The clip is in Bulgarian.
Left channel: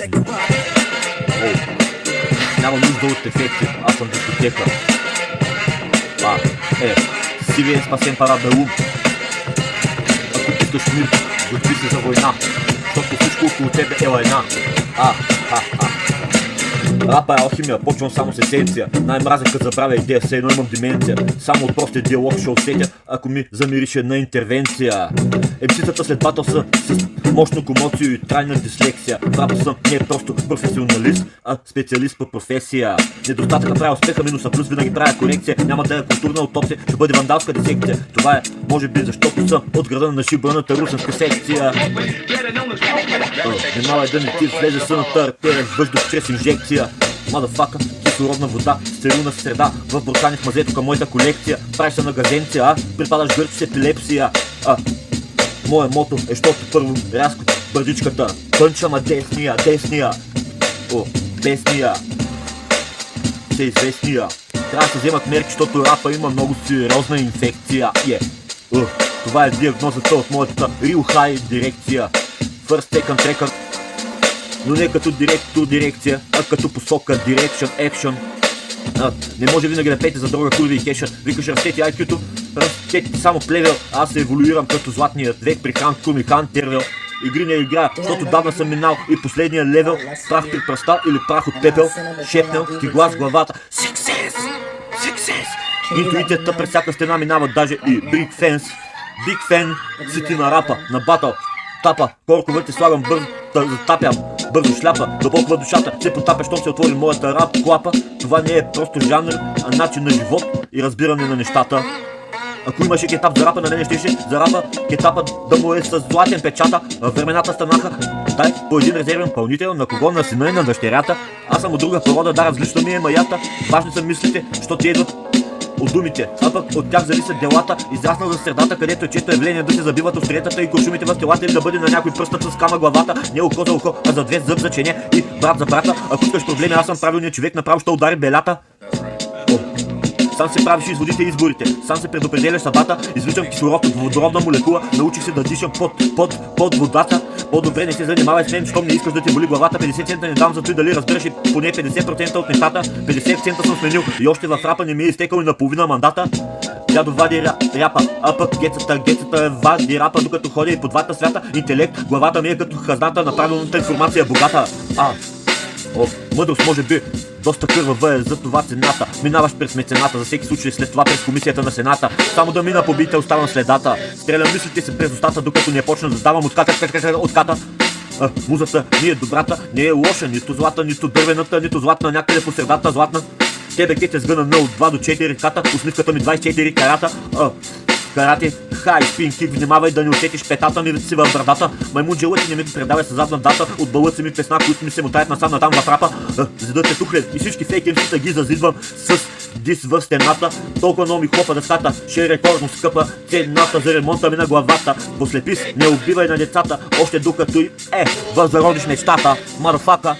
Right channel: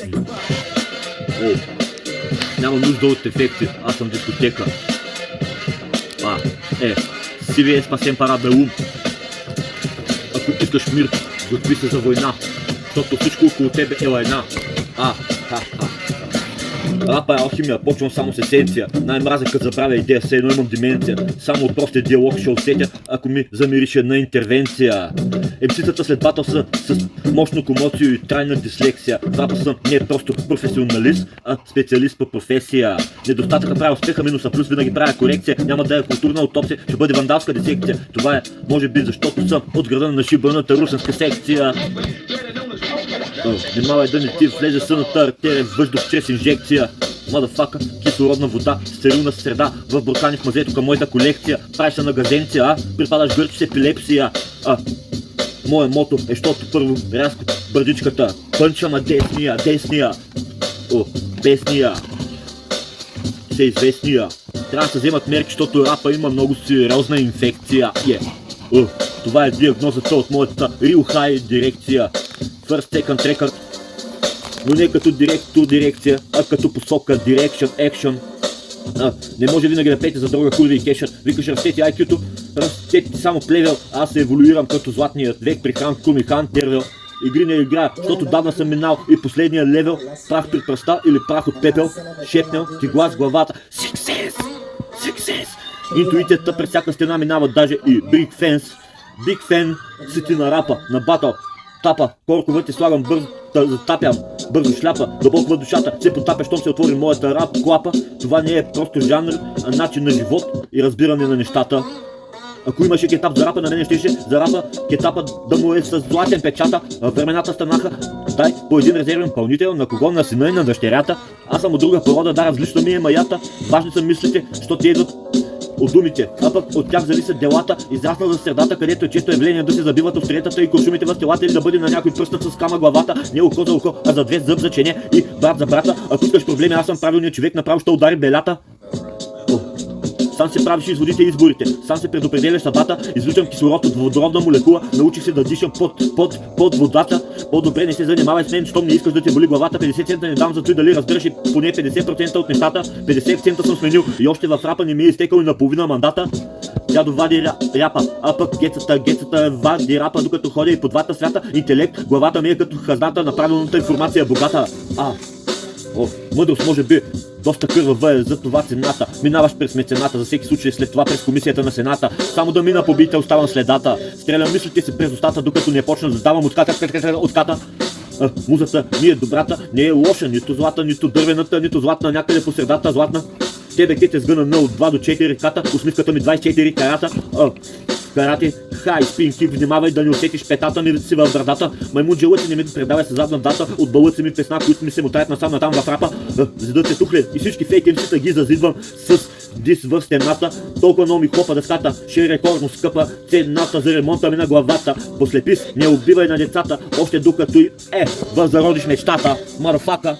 О, няма нужда от ефекти, аз съм дискотека. Сиви е спасен парад на ум. Ако искаш мир, готви се за война, защото всичко около тебе е лайна. Рапа е алхимия, почвам само с есенция. Най-мразя като забравя идея, все едно имам деменция. Само от простия диалог ще усетя, ако ми замирише на интервенция. МС-тата след батъл са с мощно комоцио и трайна дислексия. В рапа съм не просто професионалист, а специалист по професия. Недостатъка прави успеха, минуса плюс винаги правя корекция. Няма да е културна аутопсия, ще бъде вандалска дисекция. Това е, може би, защото съм от града на шибаната русенска секция. Внимавай да не ти влезе съната артерия, въздух чрез инжекция. Мадафака, кислородна вода, стерилна среда, в брокани в мазето към моята колекция. Правиш се на газенция, припадаш гърч с епилепсия. Моя мото е, защото първо рязко бърдичката пънча на десния. Бесния. Все известния. Трябва да се вземат мерки, защото рапа има много сериозна инфекция. Това е диагнозата от моята Real High дирекция. First second record. Но не като дирекция, а като посока, direction, action. Не може винаги да пеете за дрога, курви и кешът. Викаш растети IQ-то, растети само плевел. Аз се еволюирам като златният век при Хан Кум и Хан Тервел. Игри не играя, защото давна съм минал и последния левел. Прах при пръста или прах от пепел. Шепнел ти глас в главата. Success! Интуицията през всяка стена минава, даже и Big Fan си ти на рапа, на батъл. Тапа, колко вътре слагам бързо, затапям, бързо шляпа, дълбоко в душата, се потапя, щом се отвори моята рап клапа. Това не е просто жанр, а начин на живот и разбиране на нещата. Ако имаше кетап за рапа, на мене щеше за рапа кетапа да му е с златен печата. Времената станаха, дай по един резервен пълнител, на кого, на сина и на дъщерята. Аз съм от друга порода, да, различно ми е маята. Важни са мислите, що ти идват от думите, а пък от тях зависят делата. Израснал за средата, където е често явление да се забиват остриетата и куршумите в телата или да бъде на някой пръстът с кама главата. Не око за око, а за две зъб за чене и брат за брата. Ако искаш проблеми, аз съм правилният човек, направо ще удари белята. Сам се правиш изводите и изборите, сам се предопределяш съдбата. Извличам кислород от водородна молекула, научих се да дишам под водата. По-добре не се занимавай с мен, щом не искаш да те боли главата. 50 цента не дам за той дали разбираш и поне 50% от нещата. 50 цента съм сменил и още в рапа не ми е изтекал и наполовина мандата. Дядо вади рапа, а пък гецата вади рапа, докато ходя и по двата свята. Интелект, главата ми е като хазната на правилната информация богата. Мъдрост може би доста кървава е, за това цената. Минаваш през мецената, за всеки случай след това през комисията на сената. Само да мина побиите, оставам следата. Стрелям мислите си през устата, докато не почна да давам отката. Музата ми е добрата, не е лоша, нито злата, нито дървената, нито златна, някъде по средата златна. Тебе ке те сгъна от 2 до 4 ката, усмивката ми 24 карата. Карате, хай, спин кик, внимавай да не усетиш петата ми си в брадата. Маймунджелът ти не ми предавай с задна дата от бълъци ми песна, които ми се мотаят насам натам в рапа. Зидът е тухлен и всички фейк МС-та ги зазидвам с дис в стената. Толкова много ми хлопа дъската, ще е рекордно скъпа цената за ремонта ми на главата. Послепис, не убивай на децата, още докато и възродиш мечтата. Мадафака.